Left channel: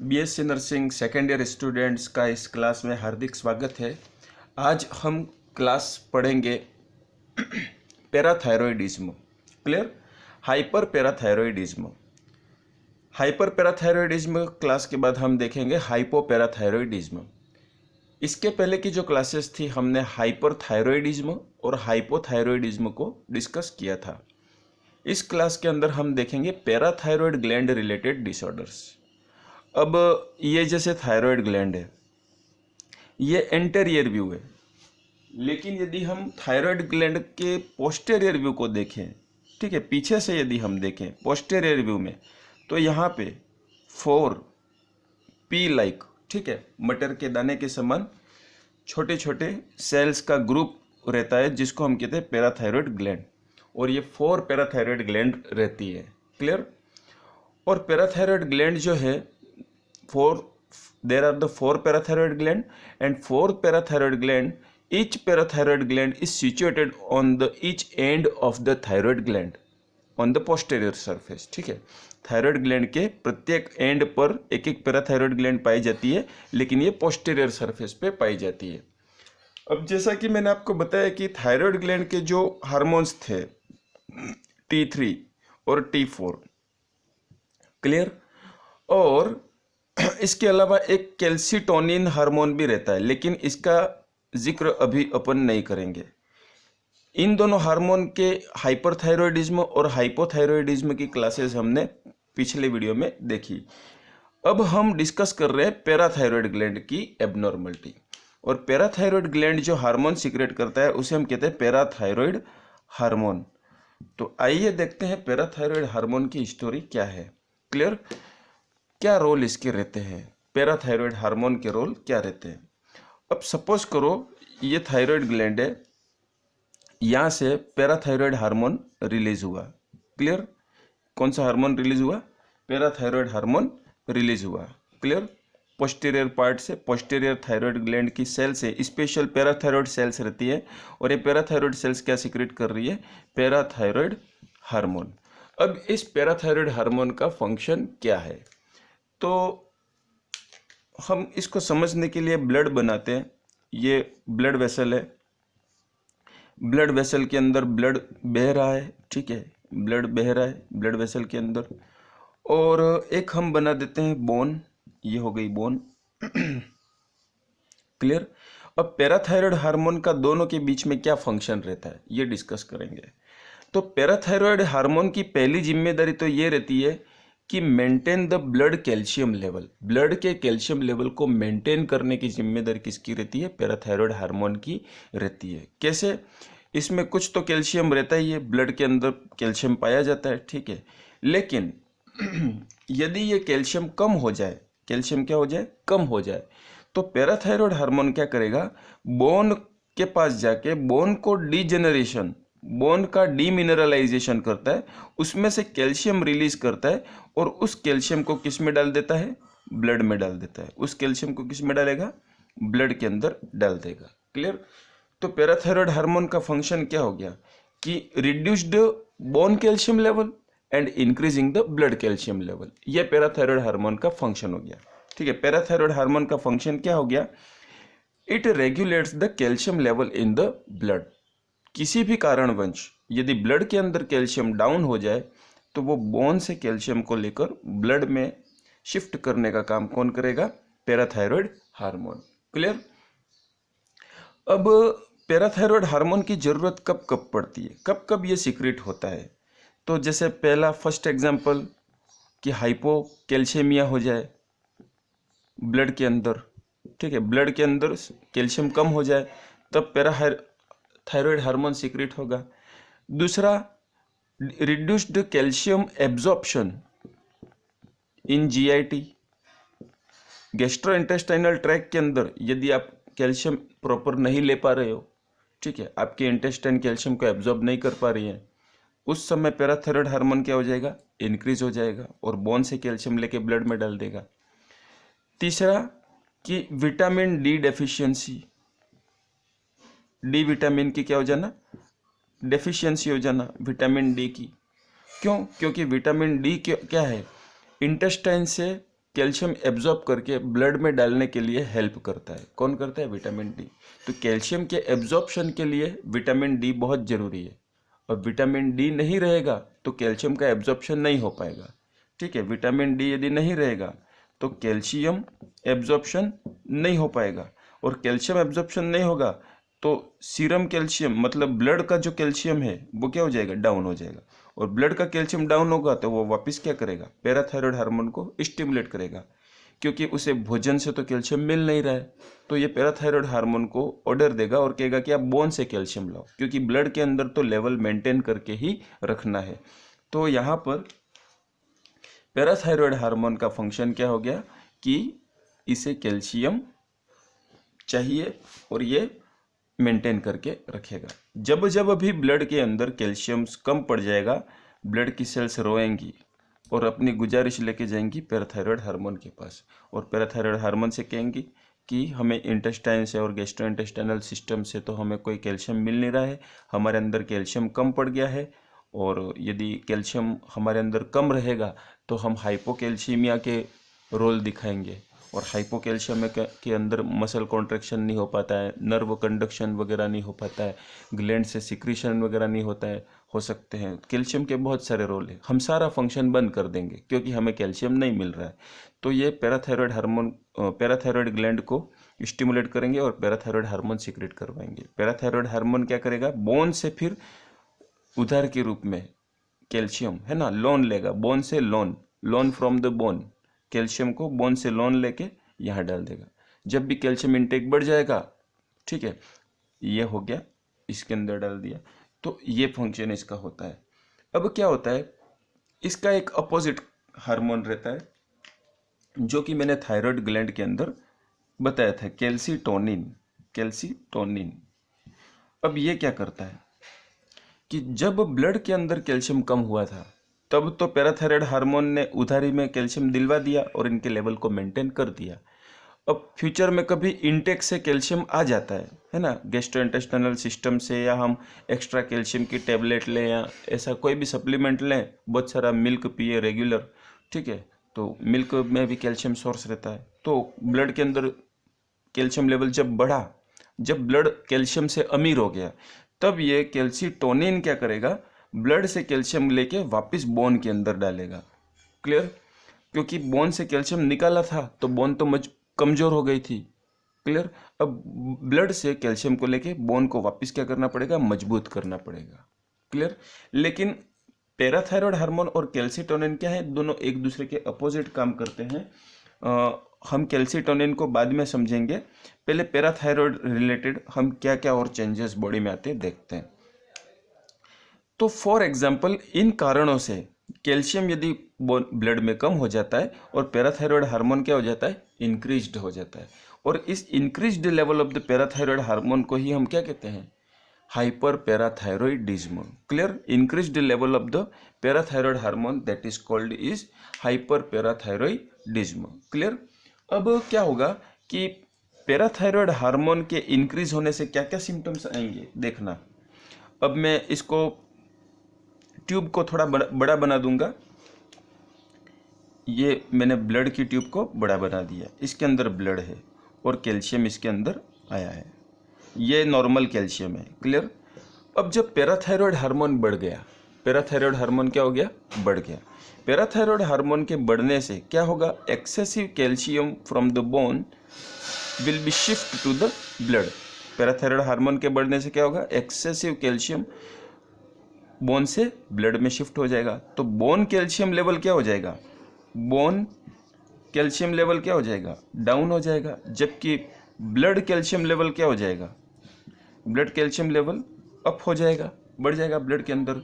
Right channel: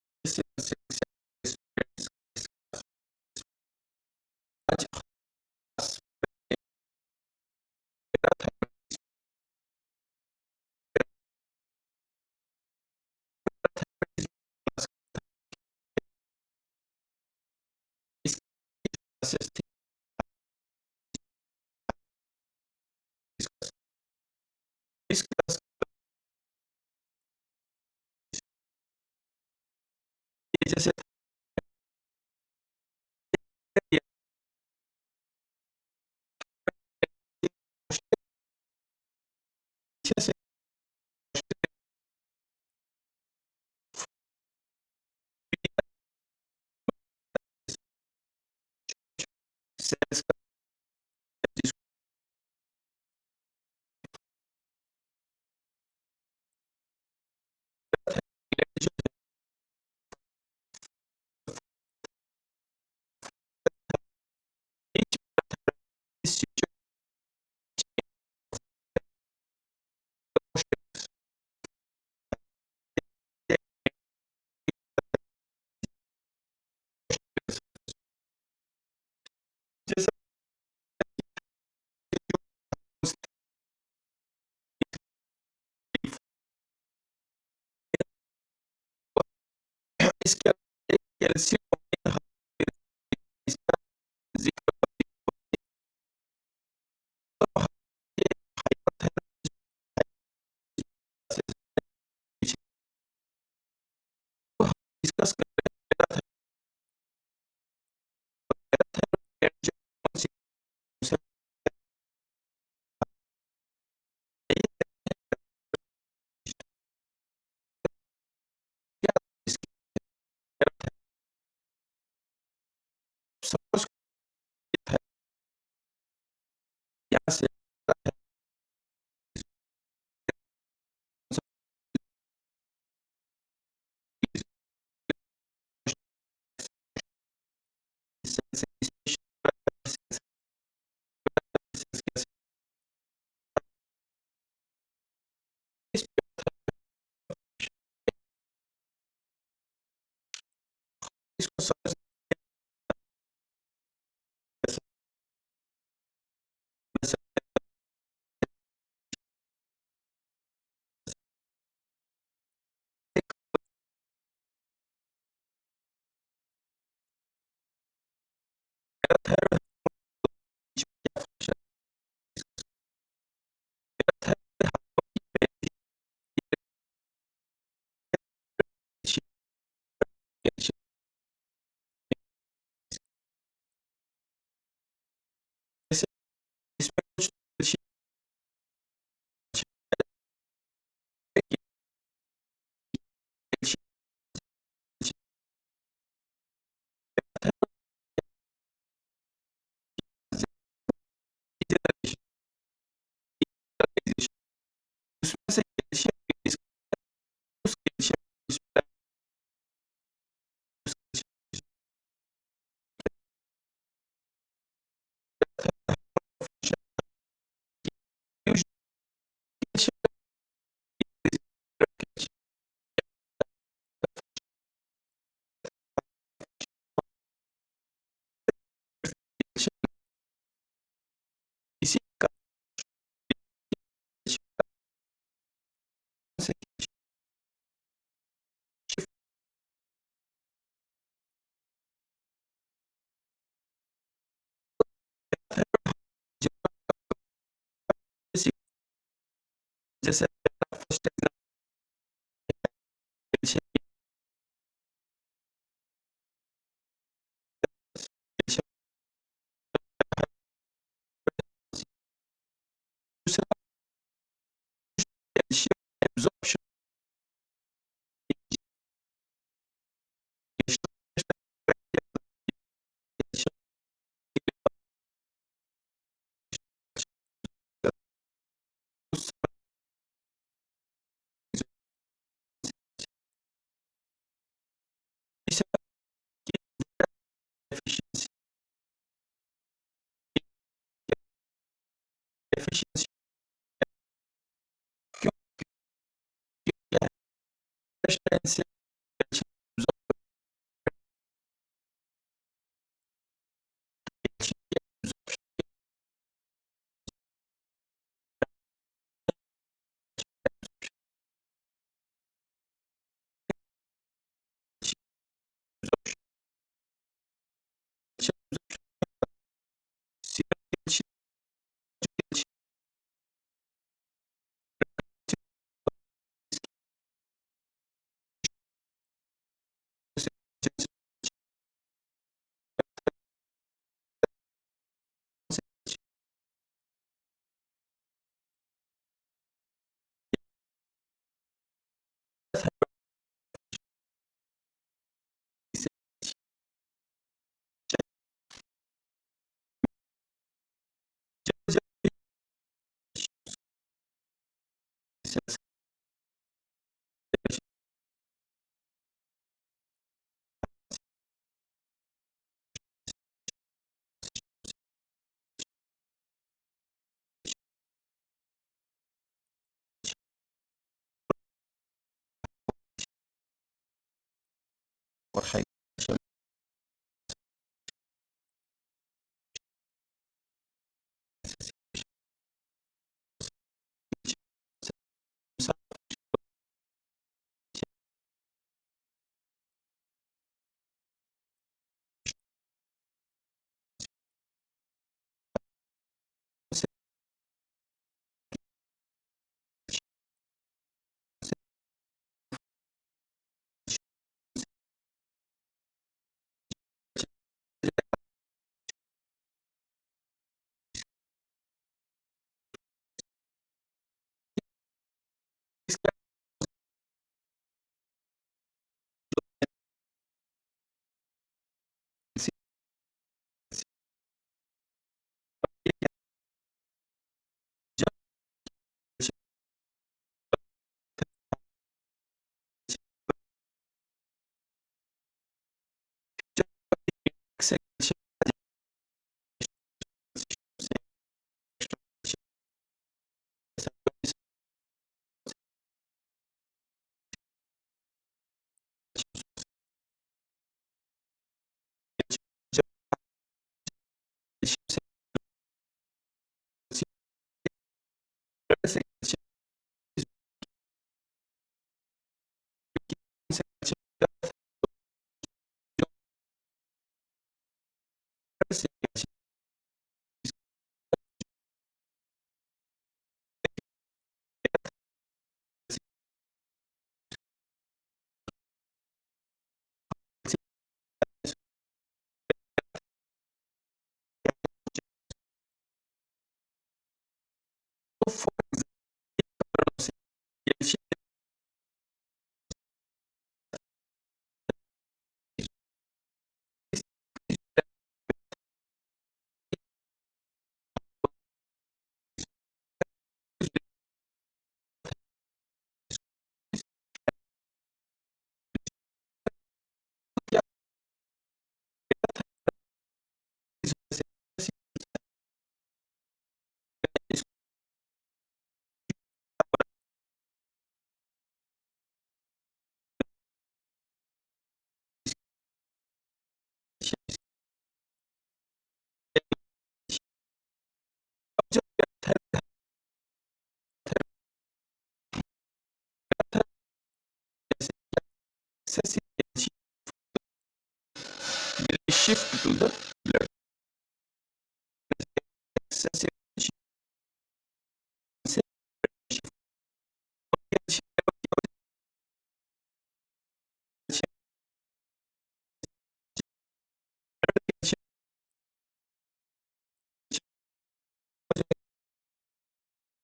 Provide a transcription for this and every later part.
BSc nursing second year students का इस class में हार्दिक स्वागत है। आज हम क्लास पढ़ेंगे parathyroidism. Clear? Hyper parathyroidism. Hyper parathyroidism class के बाद हम देखेंगे हाइपोपैराथायरॉयडिज्म। इसके पहले की जो क्लासेस थी हमने हाइपरथायरॉयडिज्म और हाइपोथायरॉयडिज्म को डिस्कस किया था। इस क्लास के अंदर हम देखेंगे पैराथायरॉयड ग्लैंड रिलेटेड डिसऑर्डर्स। अब ये जैसे थायराइड ग्लैंड है, ये एंटेरियर व्यू है, लेकिन यदि हम थायराइड ग्लैंड के पोस्टेरियर व्यू को देखें, ठीक है, पीछे से यदि हम देखें पोस्टेरियर व्यू में, तो यहाँ पे 4 पी लाइक, ठीक है, मटर के दाने के समान छोटे छोटे सेल्स का ग्रुप रहता है जिसको हम कहते हैं पैराथायरॉयड ग्लैंड, और ये 4 पैराथायरॉयड ग्लैंड रहती है। क्लियर? और पैराथायरॉयड ग्लैंड जो है, four there are the 4 parathyroid gland, and 4 parathyroid gland, each parathyroid gland is situated on the each end of the thyroid gland on the posterior surface। ठीक है, thyroid gland के प्रत्येक and पर एक एक parathyroid gland पाई जाती है, लेकिन ये पोस्टेरियर सरफेस पे पाई जाती है। अब जैसा कि मैंने आपको बताया कि थायराइड ग्लैंड के जो हार्मोन्स थे T3 और T4, क्लियर, और इसके अलावा एक कैल्सिटोनिन हार्मोन भी रहता है, लेकिन इसका जिक्र अभी अपन नहीं करेंगे। इन दोनों हार्मोन के हाइपरथायरॉयडिज्म और हाइपोथायरॉयडिज्म की क्लासेस हमने पिछले वीडियो में देखी। अब हम डिस्कस कर रहे हैं पैराथायरॉयड ग्लैंड की एबनॉर्मलिटी। और पैराथायरॉयड ग्लैंड जो हार्मोन सीक्रेट करता है उसे हम कहते हैं पैराथायरॉयड हार्मोन। तो आइए देखते हैं पैराथायरॉयड हार्मोन की स्टोरी क्या है। क्लियर? क्या रोल इसके रहते हैं, पैराथायरॉयड हार्मोन के रोल क्या रहते हैं। अब सपोज करो ये थायराइड ग्लैंड है, यहाँ से पैराथायरॉयड हार्मोन रिलीज हुआ। क्लियर? कौन सा हार्मोन रिलीज हुआ? पैराथायरॉयड हार्मोन रिलीज हुआ। क्लियर? पोस्टीरियर पार्ट से, पोस्टीरियर थायराइड ग्लैंड की सेल से स्पेशल पैराथायरॉयड सेल्स रहती है, और ये पैराथायरॉयड सेल्स क्या सीक्रेट कर रही है? Parathyroid hormone. अब इस पैराथायरॉयड हार्मोन का फंक्शन क्या है, तो हम इसको समझने के लिए ब्लड बनाते हैं। ये ब्लड वेसल है, ब्लड वेसल के अंदर ब्लड बह रहा है, ठीक है, ब्लड बह रहा है ब्लड वेसल के अंदर। और एक हम बना देते हैं बोन, ये हो गई बोन। क्लियर? अब पैराथायरॉयड हार्मोन का दोनों के बीच में क्या फंक्शन रहता है ये डिस्कस करेंगे। तो पैराथायरॉयड हार्मोन की पहली जिम्मेदारी तो ये रहती है कि maintain the blood calcium level. Blood के कैल्शियम लेवल को मेंटेन करने की जिम्मेदारी किसकी रहती है? पैराथायरॉयड हार्मोन की रहती है। कैसे? इसमें कुछ तो कैल्शियम रहता ही है, ब्लड के अंदर कैल्शियम पाया जाता है, ठीक है, लेकिन यदि ये कैल्शियम कम हो जाए, कैल्शियम क्या हो जाए? कम हो जाए, तो पैराथायरॉयड हार्मोन क्या करेगा? बोन के पास जाके बोन को डीजेनरेशन, बोन का डीमिनरलाइजेशन करता है, उसमें से कैल्शियम रिलीज करता है, और उस कैल्शियम को किस में डाल देता है? ब्लड में डाल देता है। उस कैल्शियम को किस में डालेगा? ब्लड के अंदर डाल देगा। क्लियर? तो पैराथायरॉयड हार्मोन का फंक्शन क्या हो गया कि reduced bone calcium level and increasing the blood calcium level. यह पैराथायरॉयड हार्मोन का फंक्शन हो गया। ठीक है, पैराथायरॉयड हार्मोन का फंक्शन क्या हो गया? It regulates the calcium level in the blood. किसी भी कारणवश यदि ब्लड के अंदर कैल्शियम डाउन हो जाए, तो वो बोन से कैल्शियम को लेकर ब्लड में शिफ्ट करने का काम कौन करेगा? Parathyroid hormone. क्लियर? अब पैराथायरॉयड हार्मोन की जरूरत कब कब पड़ती है, कब कब ये सीक्रेट होता है? तो जैसे पहला फर्स्ट एग्जांपल कि हाइपोकैल्शियमिया हो जाए ब्लड के अंदर, ठीक है, ब्लड के अंदर कैल्शियम कम हो जाए, तब पैराथायरॉयड हार्मोन सीक्रेट होगा। दूसरा, reduced calcium absorption in GIT, gastrointestinal tract के अंदर यदि आप कैल्शियम प्रॉपर नहीं ले पा रहे हो, ठीक है, आपके इंटेस्टाइन कैल्शियम को एब्जॉर्ब नहीं कर पा रही है, उस समय पैराथायरॉयड हार्मोन क्या हो जाएगा? इंक्रीज हो जाएगा, और बोन से कैल्शियम लेके ब्लड में डाल देगा। तीसरा कि vitamin D deficiency, D vitamin की क्या हो जाना? डेफिशिएंसी हो जाना विटामिन डी की। क्यों? क्योंकि विटामिन डी क्या है? इंटेस्टाइन से कैल्शियम एब्जॉर्ब करके ब्लड में डालने के लिए हेल्प करता है। कौन करता है? Vitamin D. तो कैल्शियम के एब्जॉर्प्शन के लिए विटामिन डी बहुत जरूरी है, और विटामिन डी नहीं रहेगा तो कैल्शियम का एब्जॉर्प्शन नहीं हो पाएगा। ठीक है, विटामिन डी यदि नहीं रहेगा तो कैल्शियम एब्जॉर्प्शन नहीं हो पाएगा, और कैल्शियम एब्जॉर्प्शन नहीं होगा तो सीरम कैल्शियम मतलब ब्लड का जो कैल्शियम है वो क्या हो जाएगा? डाउन हो जाएगा। और ब्लड का कैल्शियम डाउन होगा तो वो वापस क्या करेगा? पैराथायरॉयड हार्मोन को स्टिमुलेट करेगा, क्योंकि उसे भोजन से तो कैल्शियम मिल नहीं रहा है। तो ये पैराथायरॉयड हार्मोन को ऑर्डर देगा और कहेगा कि आप बोन से कैल्शियम लाओ, क्योंकि ब्लड के अंदर तो लेवल मेंटेन करके ही रखना है। तो यहाँ पर पैराथायरॉयड हार्मोन का फंक्शन क्या हो गया कि इसे कैल्शियम चाहिए और ये मेंटेन करके रखेगा। जब जब भी ब्लड के अंदर कैल्शियम कम पड़ जाएगा, ब्लड की सेल्स रोएंगी और अपनी गुजारिश लेके जाएंगी पैराथायरॉयड हार्मोन के पास, और पैराथायरॉयड हार्मोन से कहेंगी कि हमें इंटेस्टाइन से और गैस्ट्रोइंटेस्टाइनल सिस्टम से तो हमें कोई कैल्शियम मिल नहीं रहा है, हमारे अंदर कैल्शियम कम पड़ गया है, और यदि कैल्शियम हमारे अंदर कम रहेगा तो हम हाइपोकैल्सीमिया के रोल दिखाएंगे, और हाइपोकैल्शियम के अंदर मसल कॉन्ट्रैक्शन नहीं हो पाता है, नर्व कंडक्शन वगैरह नहीं हो पाता है, ग्लैंड से सिक्रीशन वगैरह नहीं होता है, हो सकते हैं। कैल्शियम के बहुत सारे रोल है, हम सारा फंक्शन बंद कर देंगे क्योंकि हमें कैल्शियम नहीं मिल रहा है। तो ये पैराथायरॉयड हार्मोन पैराथायरॉयड ग्लैंड को स्टिमुलेट करेंगे और पैराथायरॉयड हार्मोन सीक्रेट करवाएंगे। पैराथायरॉयड हार्मोन क्या करेगा? बोन से फिर उधार के रूप में कैल्शियम है ना, लोन लेगा, बोन से loan, loan from the bone, calcium को बोन से लोन लेके यहाँ डाल देगा। जब भी कैल्शियम इंटेक बढ़ जाएगा, ठीक है, ये हो गया, इसके अंदर डाल दिया, तो ये फंक्शन इसका होता है। अब क्या होता है, इसका एक अपोजिट हार्मोन रहता है जो कि मैंने थायराइड ग्लैंड के अंदर बताया था, कैल्सीटोनिन। कैल्सीटोनिन अब ये क्या करता है कि जब ब्लड के अंदर कैल्शियम कम हुआ था तब तो पैराथायरॉयड हार्मोन ने उधारी में कैल्शियम दिलवा दिया और इनके लेवल को मेंटेन कर दिया। अब फ्यूचर में कभी इनटेक से कैल्शियम आ जाता है ना, गैस्ट्रोइंटेस्टाइनल सिस्टम से, या हम एक्स्ट्रा कैल्शियम की टेबलेट लें या ऐसा कोई भी सप्लीमेंट लें, बहुत सारा मिल्क पिए रेगुलर, ठीक है, तो मिल्क में भी कैल्शियम सोर्स रहता है। तो ब्लड के अंदर कैल्शियम लेवल जब बढ़ा, जब ब्लड कैल्शियम से अमीर हो गया, तब ये कैल्सीटोनिन क्या करेगा? ब्लड से कैल्शियम लेके वापस बोन के अंदर डालेगा। क्लियर? क्योंकि बोन से कैल्शियम निकाला था तो बोन तो कमजोर हो गई थी। क्लियर? अब ब्लड से कैल्शियम को लेके बोन को वापस क्या करना पड़ेगा? मजबूत करना पड़ेगा। क्लियर? लेकिन पैराथायरॉयड हार्मोन और कैल्सीटोनिन क्या है? दोनों एक दूसरे के अपोजिट काम करते हैं। हम कैल्सीटोनिन को बाद में समझेंगे, पहले पैराथायरॉयड रिलेटेड हम क्या क्या और चेंजेस बॉडी में आते हैं देखते हैं। तो फॉर एग्जांपल, इन कारणों से कैल्शियम यदि ब्लड में कम हो जाता है और पैराथायरॉयड हार्मोन क्या हो जाता है? इंक्रीज्ड हो जाता है। और इस increased level of the parathyroid hormone को ही हम क्या कहते हैं? Hyper parathyroidism. Clear? Increased level of the parathyroid hormone that is called is hyper parathyroidism. Clear? अब क्या होगा कि पैराथायरॉयड हार्मोन के इंक्रीज होने से क्या क्या सिम्टम्स आएंगे देखना। अब मैं इसको ट्यूब को थोड़ा बड़ा बना दूंगा। ये मैंने ब्लड की ट्यूब को बड़ा बना दिया, इसके अंदर ब्लड है और कैल्शियम इसके अंदर आया है, ये नॉर्मल कैल्शियम है। क्लियर? अब जब पैराथायरॉयड हार्मोन बढ़ गया, पैराथायरॉयड हार्मोन क्या हो गया? बढ़ गया। पैराथायरॉयड हार्मोन के बढ़ने से क्या होगा? Excessive calcium from the bone will be shift to the blood. Parathyroid hormone के बढ़ने से क्या होगा? एक्सेसिव कैल्शियम बोन से ब्लड में शिफ्ट हो जाएगा। तो बोन कैल्शियम लेवल क्या हो जाएगा? बोन कैल्शियम लेवल क्या हो जाएगा? डाउन हो जाएगा। जबकि ब्लड कैल्शियम लेवल क्या हो जाएगा? ब्लड कैल्शियम लेवल अप हो जाएगा, बढ़ जाएगा ब्लड के अंदर।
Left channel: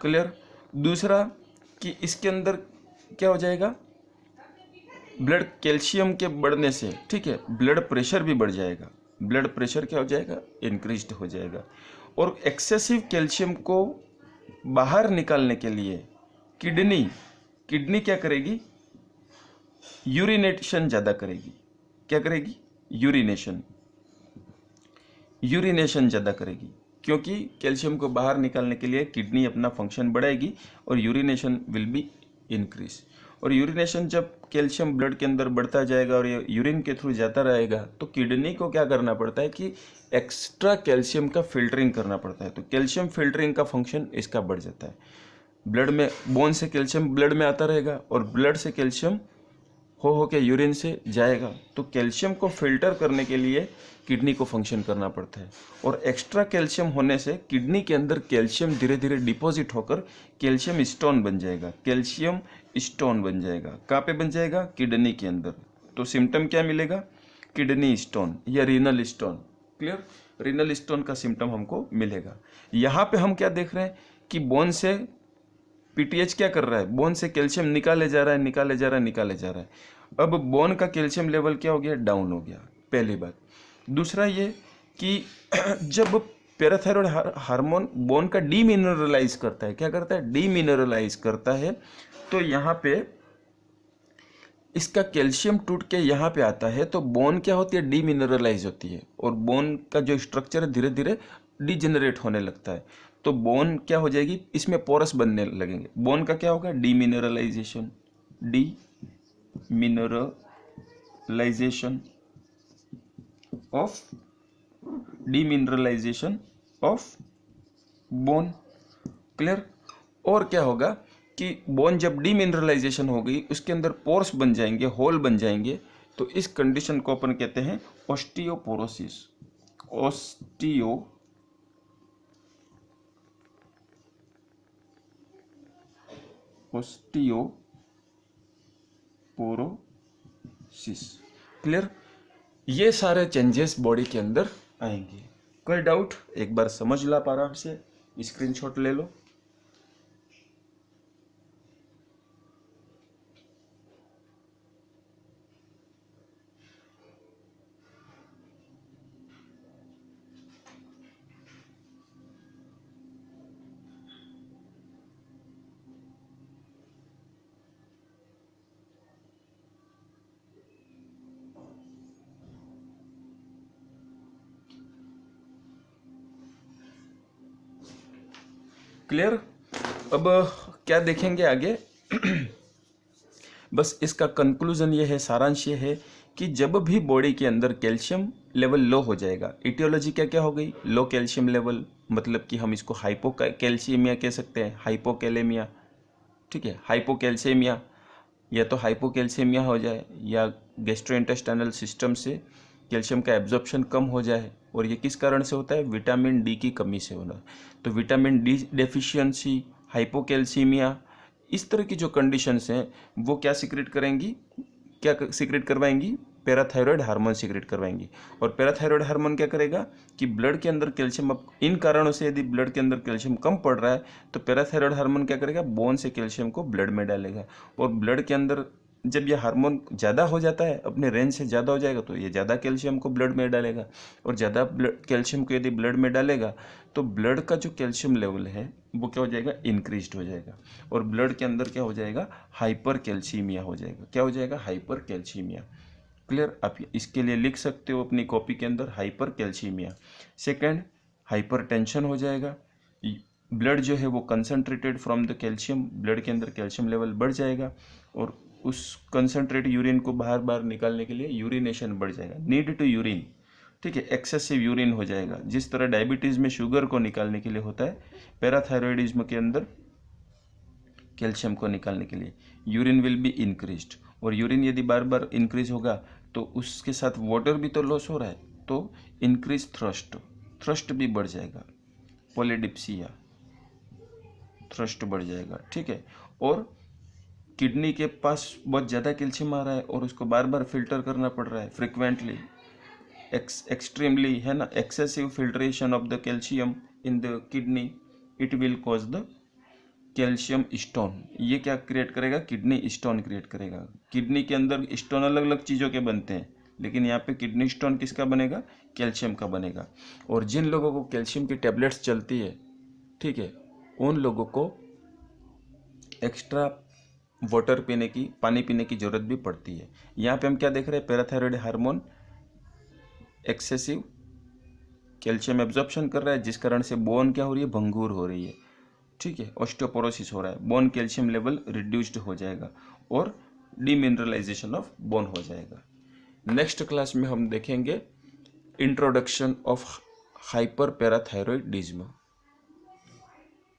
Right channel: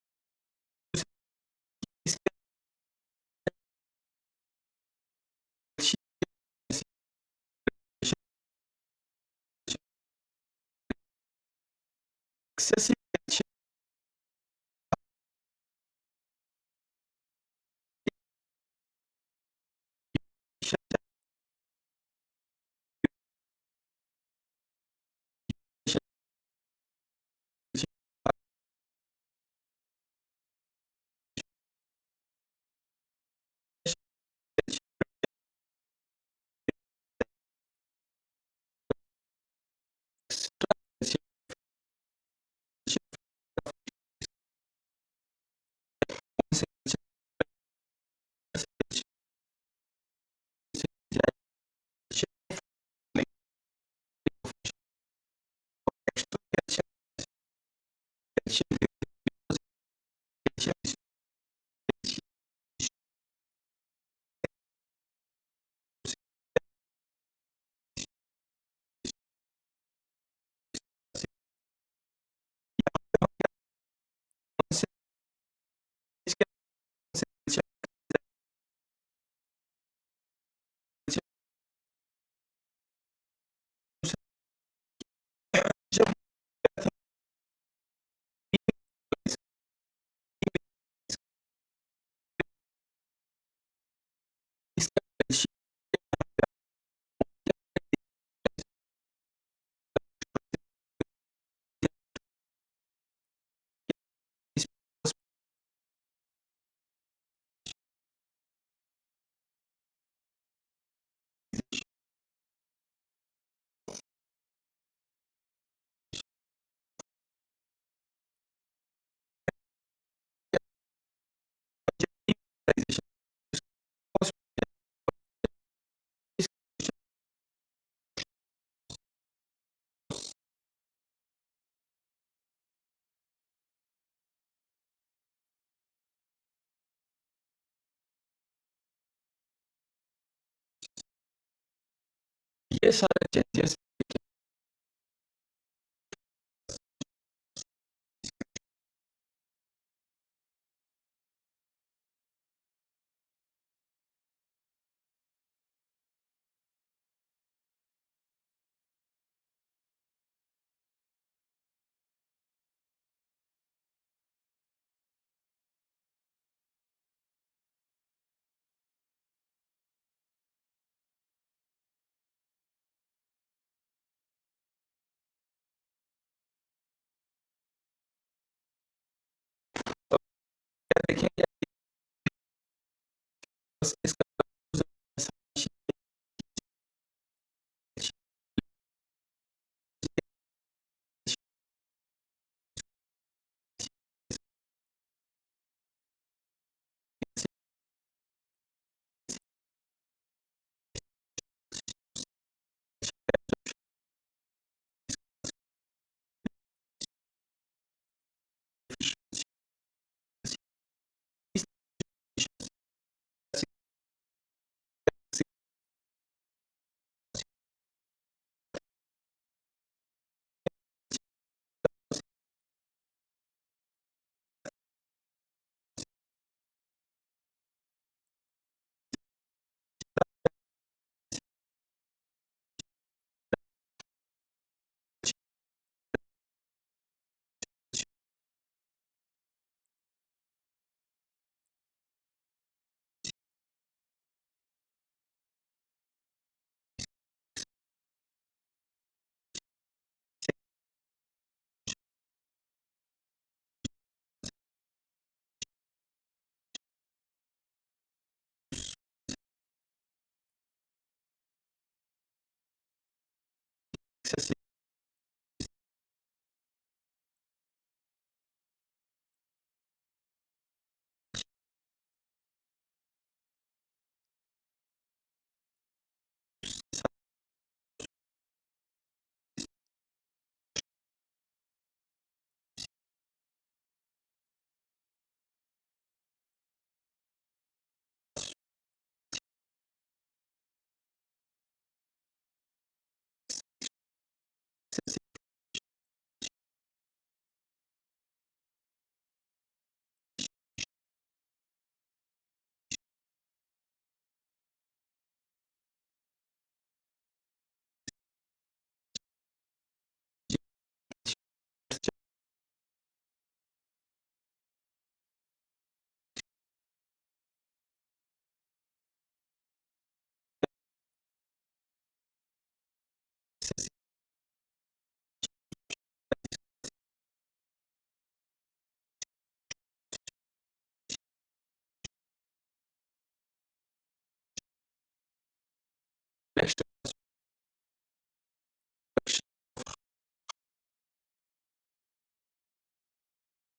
क्लियर? दूसरा कि इसके अंदर क्या हो जाएगा? ब्लड कैल्शियम के बढ़ने से, ठीक है, ब्लड प्रेशर भी बढ़ जाएगा। ब्लड प्रेशर क्या हो जाएगा? इंक्रीज्ड हो जाएगा। और एक्सेसिव कैल्शियम को बाहर निकालने के लिए किडनी क्या करेगी? यूरिनेशन ज़्यादा करेगी। क्या करेगी? यूरिनेशन ज़्यादा करेगी, क्योंकि कैल्शियम को बाहर निकालने के लिए किडनी अपना फंक्शन बढ़ाएगी और यूरिनेशन विल बी इंक्रीज। और यूरिनेशन जब कैल्शियम ब्लड के अंदर बढ़ता जाएगा और ये यूरिन के थ्रू जाता रहेगा तो किडनी को क्या करना पड़ता है कि एक्स्ट्रा कैल्शियम का फिल्टरिंग करना पड़ता है। तो कैल्शियम फिल्टरिंग का फंक्शन इसका बढ़ जाता है। ब्लड में बोन से कैल्शियम ब्लड में आता रहेगा और ब्लड से कैल्शियम हो के यूरिन से जाएगा। तो कैल्शियम को फिल्टर करने के लिए किडनी को फंक्शन करना पड़ता है और एक्स्ट्रा कैल्शियम होने से किडनी के अंदर कैल्शियम धीरे धीरे डिपॉजिट होकर कैल्शियम स्टोन बन जाएगा। कैल्शियम स्टोन बन जाएगा। कहाँ पे बन जाएगा? किडनी के अंदर। तो सिम्टम क्या मिलेगा? किडनी स्टोन या renal stone. Clear? Renal stone का सिम्टम हमको मिलेगा। यहाँ पे हम क्या देख रहे हैं कि बोन से पीटीएच क्या कर रहा है? बोन से कैल्शियम निकाले जा रहा है, निकाले जा रहा है, निकाले जा रहा है। अब बोन का कैल्शियम लेवल क्या हो गया? डाउन हो गया। पहली बात। दूसरा ये कि जब पैराथायरॉयड हार्मोन बोन का डीमिनरलाइज करता है, क्या करता है? डीमिनरलाइज करता है। तो यहाँ पे इसका कैल्शियम टूट के यहाँ पे आता है तो बोन क्या होती है? डीमिनरलाइज होती है और बोन का जो स्ट्रक्चर है धीरे धीरे डिजेनरेट होने लगता है। तो बोन क्या हो जाएगी? इसमें पोरस बनने लगेंगे। बोन का क्या होगा? Demineralisation. Demineralisation of demineralisation of bone. Clear? और क्या होगा कि बोन जब डीमिनरलाइजेशन हो गई उसके अंदर पोर्स बन जाएंगे, होल बन जाएंगे। तो इस कंडीशन को अपन कहते हैं ऑस्टियोपोरोसिस। ऑस्टियोपोरोसिस। क्लियर? ये सारे चेंजेस बॉडी के अंदर आएंगे। कोई डाउट? एक बार समझ लो आप आराम से, स्क्रीनशॉट ले लो। क्लियर? अब क्या देखेंगे आगे? बस इसका कंक्लूजन ये है, सारांश ये है कि जब भी बॉडी के अंदर कैल्शियम लेवल लो हो जाएगा, इटियोलॉजी क्या क्या हो गई? लो कैल्शियम लेवल, मतलब कि हम इसको हाइपोकैल्शियमिया कह सकते हैं, हाइपोकैलेमिया। ठीक है, हाइपोकैल्शियमिया या तो हाइपोकैल्शियमिया हो जाए या गैस्ट्रोइंटेस्टाइनल सिस्टम से कैल्शियम का एब्जॉर्प्शन कम हो जाए। और ये किस कारण से होता है? विटामिन डी की कमी से होना। तो विटामिन डी डेफिशिएंसी, हाइपोकैल्सीमिया, इस तरह की जो कंडीशंस हैं वो क्या सीक्रेट करेंगी? क्या सीक्रेट करवाएंगी? पैराथायरॉयड हार्मोन सीक्रेट करवाएंगी। और पैराथायरॉयड हार्मोन क्या करेगा कि ब्लड के अंदर कैल्शियम, अब इन कारणों से यदि ब्लड के अंदर कैल्शियम कम पड़ रहा है तो पैराथायरॉयड हार्मोन क्या करेगा? बोन से कैल्शियम को ब्लड में डालेगा। और ब्लड के अंदर जब ये हार्मोन ज़्यादा हो जाता है, अपने रेंज से ज़्यादा हो जाएगा, तो ये ज़्यादा कैल्शियम को ब्लड में डालेगा। और ज़्यादा कैल्शियम को यदि ब्लड में डालेगा तो ब्लड का जो कैल्शियम लेवल है वो क्या हो जाएगा? इंक्रीज हो जाएगा। और ब्लड के अंदर क्या हो जाएगा? हाइपर कैल्सीमिया हो जाएगा। क्या हो जाएगा? Hyper calcaemia. क्लियर? आप इसके लिए लिख सकते हो अपनी कॉपी के अंदर, hyper calcaemia. Second, hyper tension हो जाएगा। ब्लड जो है वो concentrated from the calcium, blood के अंदर कैल्शियम लेवल बढ़ जाएगा और उस कंसनट्रेट यूरिन को बाहर बाहर निकालने के लिए यूरिनेशन बढ़ जाएगा, नीड टू यूरिन। ठीक है, एक्सेसिव यूरिन हो जाएगा। जिस तरह डायबिटीज़ में शुगर को निकालने के लिए होता है, पैराथायरॉयडिज्म के अंदर कैल्शियम को निकालने के लिए यूरिन विल बी इंक्रीज्ड। और यूरिन यदि बार बार इंक्रीज होगा तो उसके साथ वाटर भी तो लॉस हो रहा है, तो इंक्रीज थ्रस्ट, थ्रस्ट भी बढ़ जाएगा। पोलिडिप्सिया, थ्रस्ट बढ़ जाएगा। ठीक है, और किडनी के पास बहुत ज़्यादा कैल्शियम आ रहा है और उसको बार बार फिल्टर करना पड़ रहा है फ्रिक्वेंटली, एक्सट्रीमली, है ना, excessive filtration of the calcium in the kidney, it will cause the calcium stone. ये क्या क्रिएट करेगा? किडनी स्टोन क्रिएट करेगा। किडनी के अंदर स्टोन अलग अलग चीज़ों के बनते हैं, लेकिन यहाँ पे किडनी स्टोन किसका बनेगा? कैल्शियम का बनेगा। और जिन लोगों को कैल्शियम की टेबलेट्स चलती है, ठीक है, उन लोगों को एक्स्ट्रा वाटर पीने की, पानी पीने की ज़रूरत भी पड़ती है। यहाँ पे हम क्या देख रहे हैं? Parathyroid hormone excessive calcium absorption कर रहा है, जिस कारण से बोन क्या हो रही है? भंगूर हो रही है। ठीक है, ऑस्टियोपोरोसिस हो रहा है, बोन कैल्शियम लेवल रिड्यूस्ड हो जाएगा। और डीमिनरलाइजेशन ऑफ बोन हो जाएगा। नेक्स्ट क्लास में हम देखेंगे इंट्रोडक्शन ऑफ हाइपर पैराथायरॉयडिज्म।